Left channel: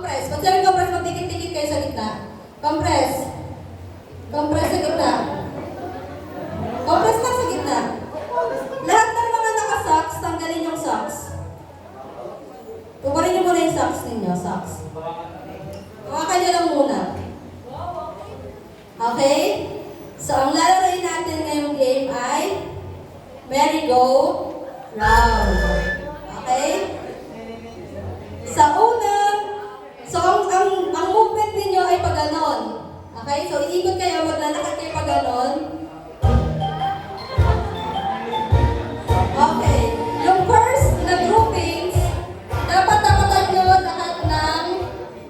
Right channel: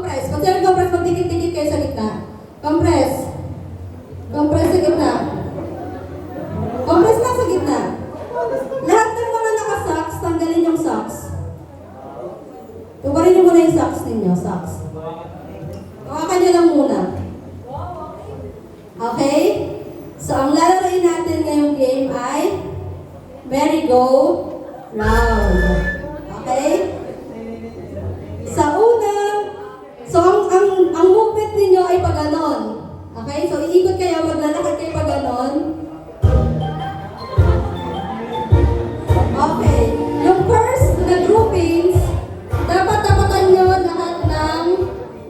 Compress. Pag sabi compress, magdikit-dikit kayo sa gitna. Compress. Compress sa gitna. Compress lang sa gitna. Lahat ng mga naka-socks, tanggalin yung socks. Tubarin niyo muna yung socks ninyo, socks. Hawakan niyo lang muna. Okay? So, ang lalaroin natin ngayong game ay merry-go-round. Okay? Sa una, so ang movement ninyo ay pag ganon. Okay? So, iikot kayo, maglalakad kayo pag ganon. Okay. Yung first na groupings, dapat tapatan nyo lahat ng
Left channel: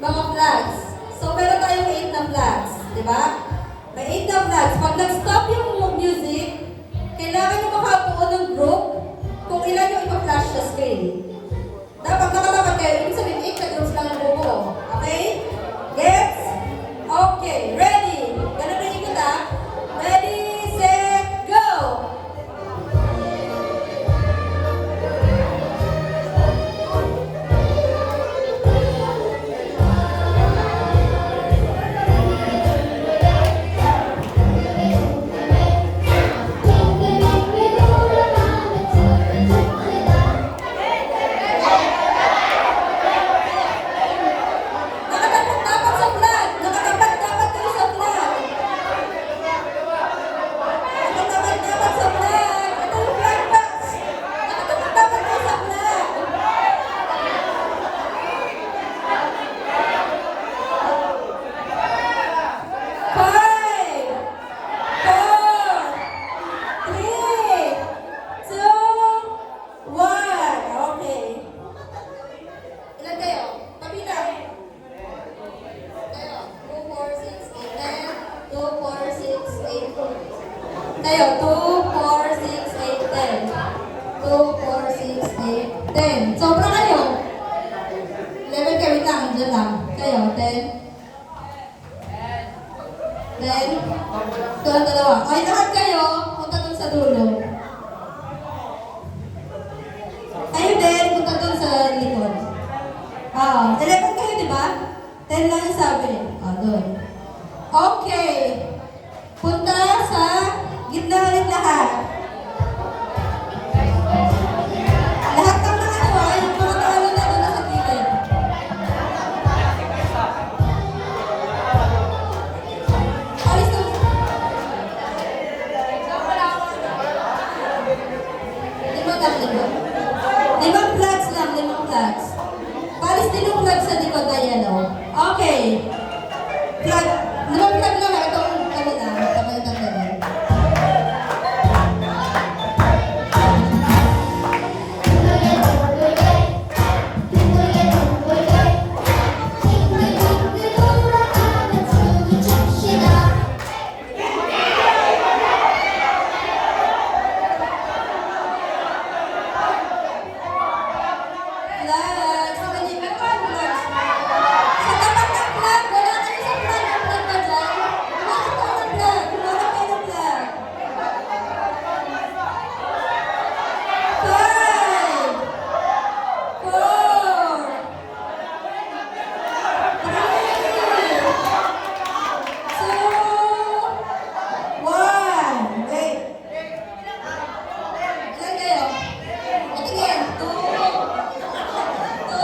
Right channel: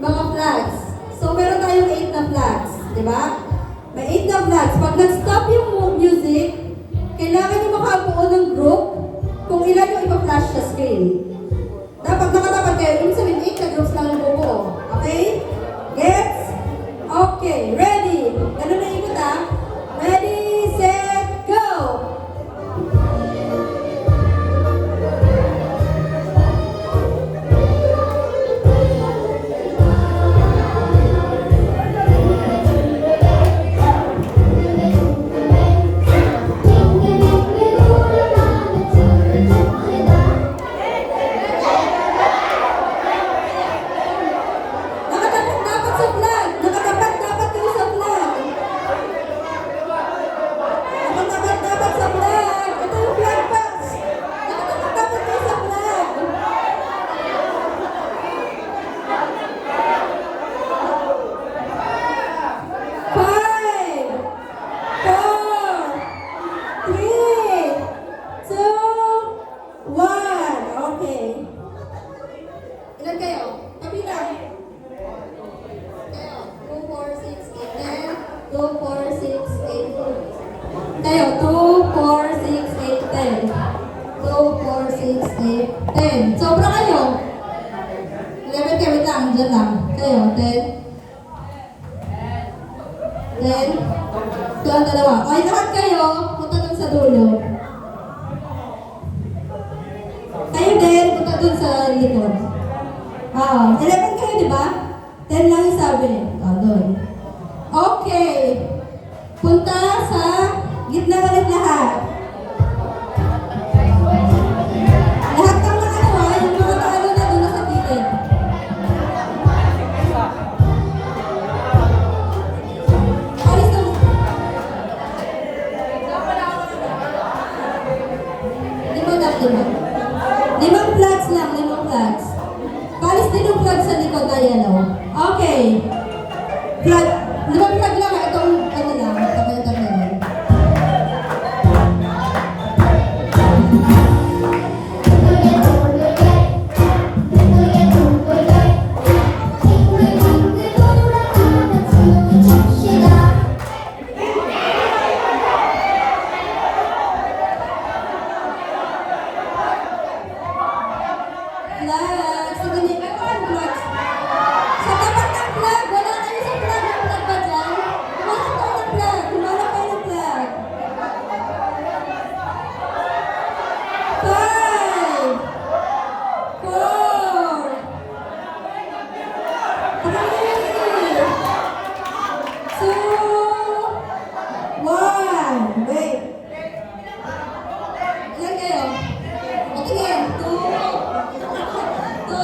mga flags. So, meron tayong 8 na flags. Diba? May 8 na flags. Pag nag-stop yung music, kailangan nyo makabuo ng group kung ilan yung ipa-flash sa screen. Dapat nakatapat kayo. Ibig sabihin, 8 na groups na nabubuo. Okay? Gets? Okay. Ready? Ganun na ikot ha? Ready, set, go! Nakatapat dapat sa flag. Nakatapat dapat kayo sa flag. Nakatapat dapat sa flag. Ito yung flag box. Nakatapat dapat kayo sa flag. Five, four, three, two, one. Okay. Ilan kayo? Kapita. Kayo. 2, 4, 6, 8, 10. 2, 4, 6, 8, 2. Kayo. 2, 4, 6, 8, 10. 2, 4, 6, 8, 10. Sobra kayo. 11 kayo. Wait lang. Diyan lang. Kayo. 10. 10. Ito ang dalawa. Ay, lahat kayo. Punta dun sa dulo. Kayo din. Punta dun sa likod. Oo. 11 kayo, di ba? 10 lang yung sabi. Doon. Okay. Punta sa gitna ulit lahat. Lahat ng mga ano, yung mga paano na doon sa ticket. Alis na. Limang flags lang, limang flags. Palis din yung flag sa likod na yellow. Okay. Flag. Limang flag lang. Itong kanila. Itong kanila. Flags. Sa ganyan. Meron kayong flags. Sa tapat ng flag. Wala kayo sa flag. Ang flag ba dyan? Bakit kayo ng flag? Wala kayo ng flag. 5, 4, 3, 2, 1. Wait. Ilan kayo? Tingin. 2, 2,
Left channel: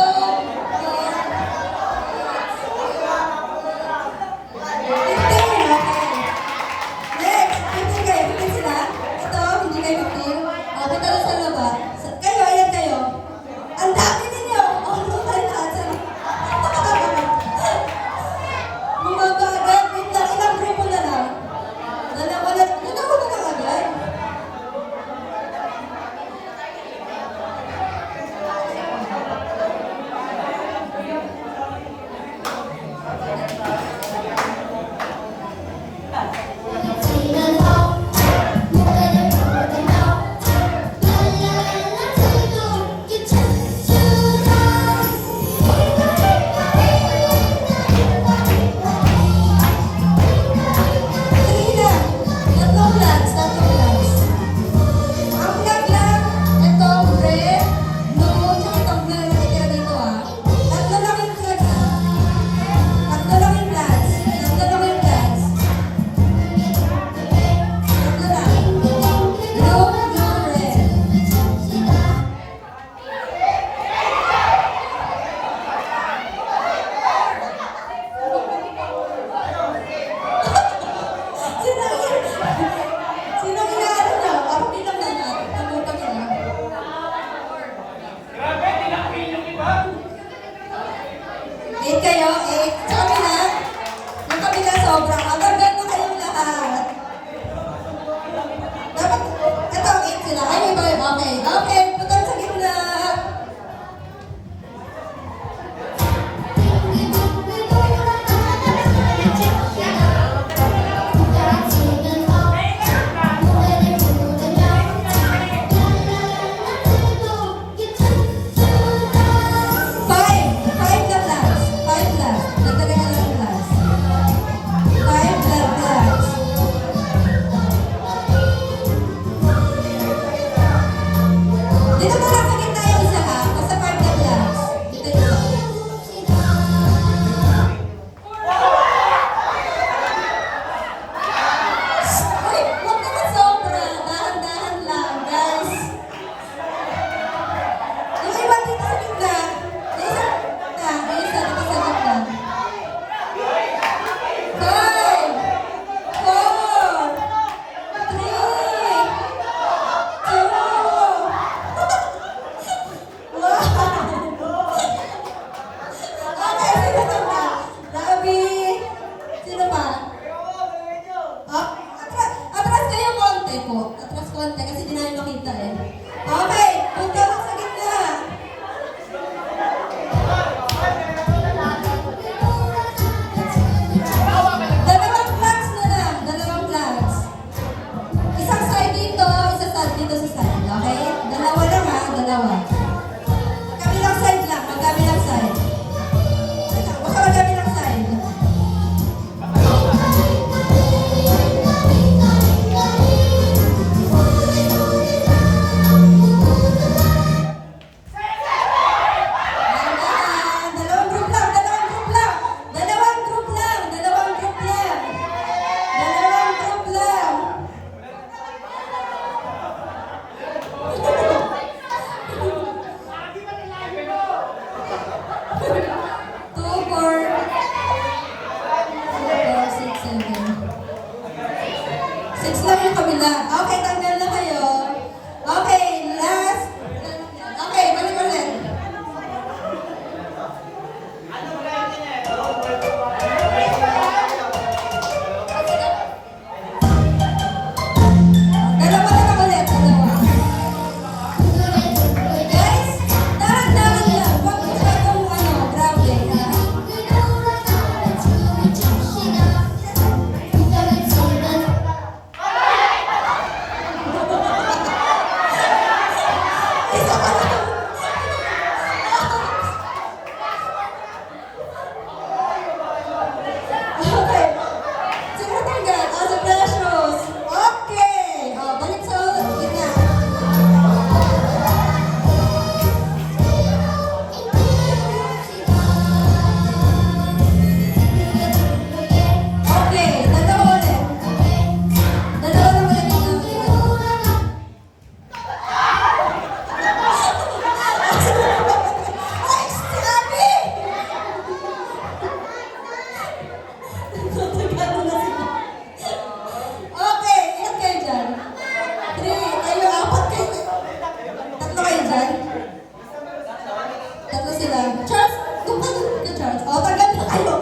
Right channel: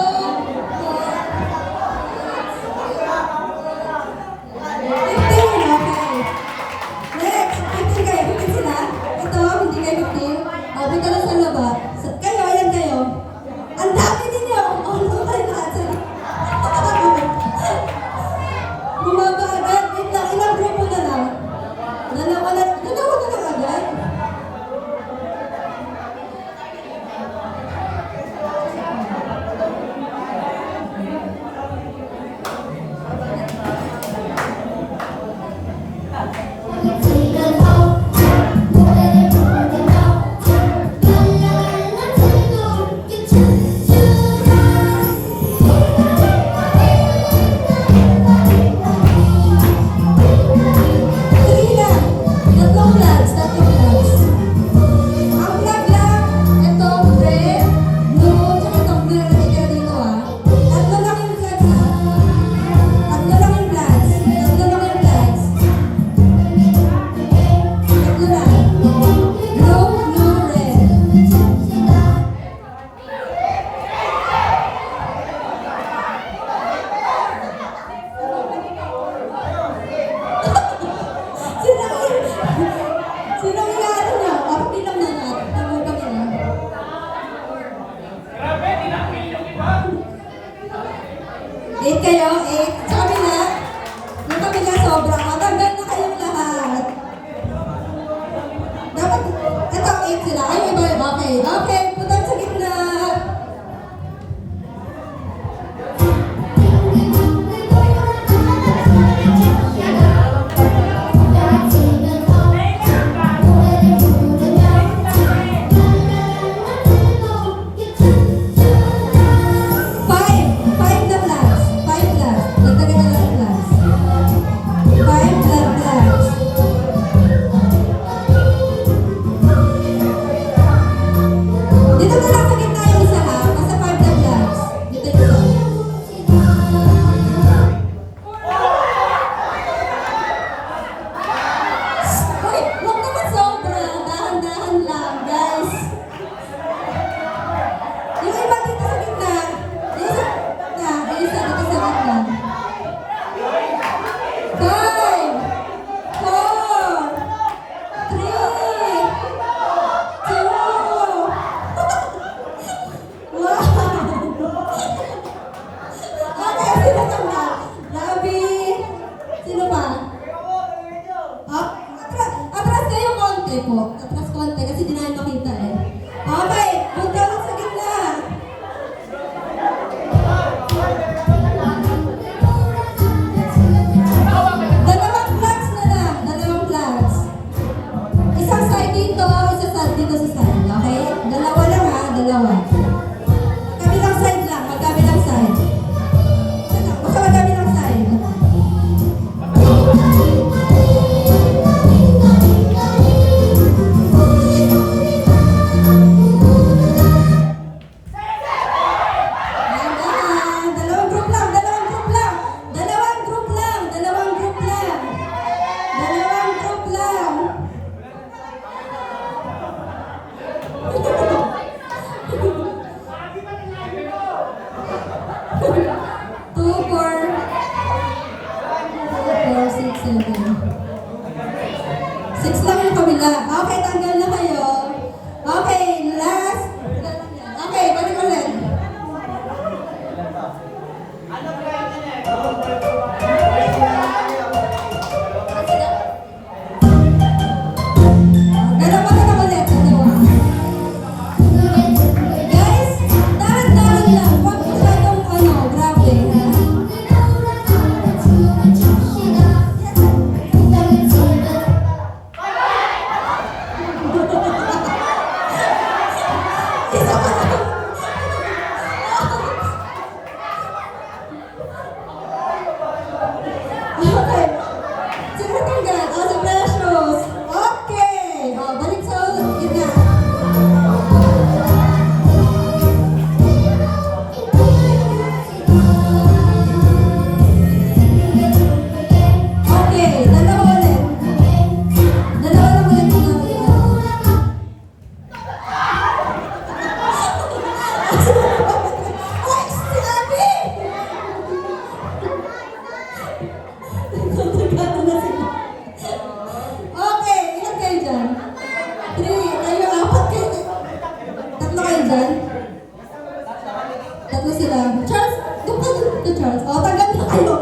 8 kayo, 8. Sa kabila, yung kabila sobra. Matanggal na kayong lahat. Dapat, ito ang 8 sila. Ay, iba. Okay, okay. Putan sa gitna. Five. Five na last. Five last. Dagdagan na lang last. Five na last. Dito na lang sa gitna yung isa ha. Basta five na last. Dito dito. Wait, huwag naman sobra. Dahan-dahan lang, guys. Yung iba dito sa gitna. Yung isa na. Yung isa dito sa gitna. Five. Four. Three. Two. One. Okay, sino na? Rabi. Sino pa? Atras kayo konti po. Atras konti kasi di namin makita eh. Okay, punta ka sa gitna. Dalawang flags na lang. Dalawang flags. Isang side dito, isa side dito sa side. Okay? Dalawa lang ha, dalawa. Kabilang side lang, magkabilang side. Basta magkabilang side. Dahan-dahan. Dalawang group lang, dalawang group lang. Dalawang group lang, dalawang group lang. Dalawang group lang. Two, four, 6, 7. 6 lang yung kabila. Okay, tanggal na kayo. Okay, last. Okay, balik ulit. Dalawa na ulit. Dalawa. Guys, dahan-dahan lang. Huwag masyadong grabe. Okay. Sino tanggal? Sa precious. Okay. Balik sa ulit. Gitna. Okay, dalawa ulit. Dalawa lang ulit. Dalawa ulit. Ay, si Abby! Nagkatagal na sila. Okay, ilan kayo dyan? 3, kayo, 4 kayo. 3 kayo dyan? 3 sila. Charles, doon ka, Charles. O, tanggal na kayo.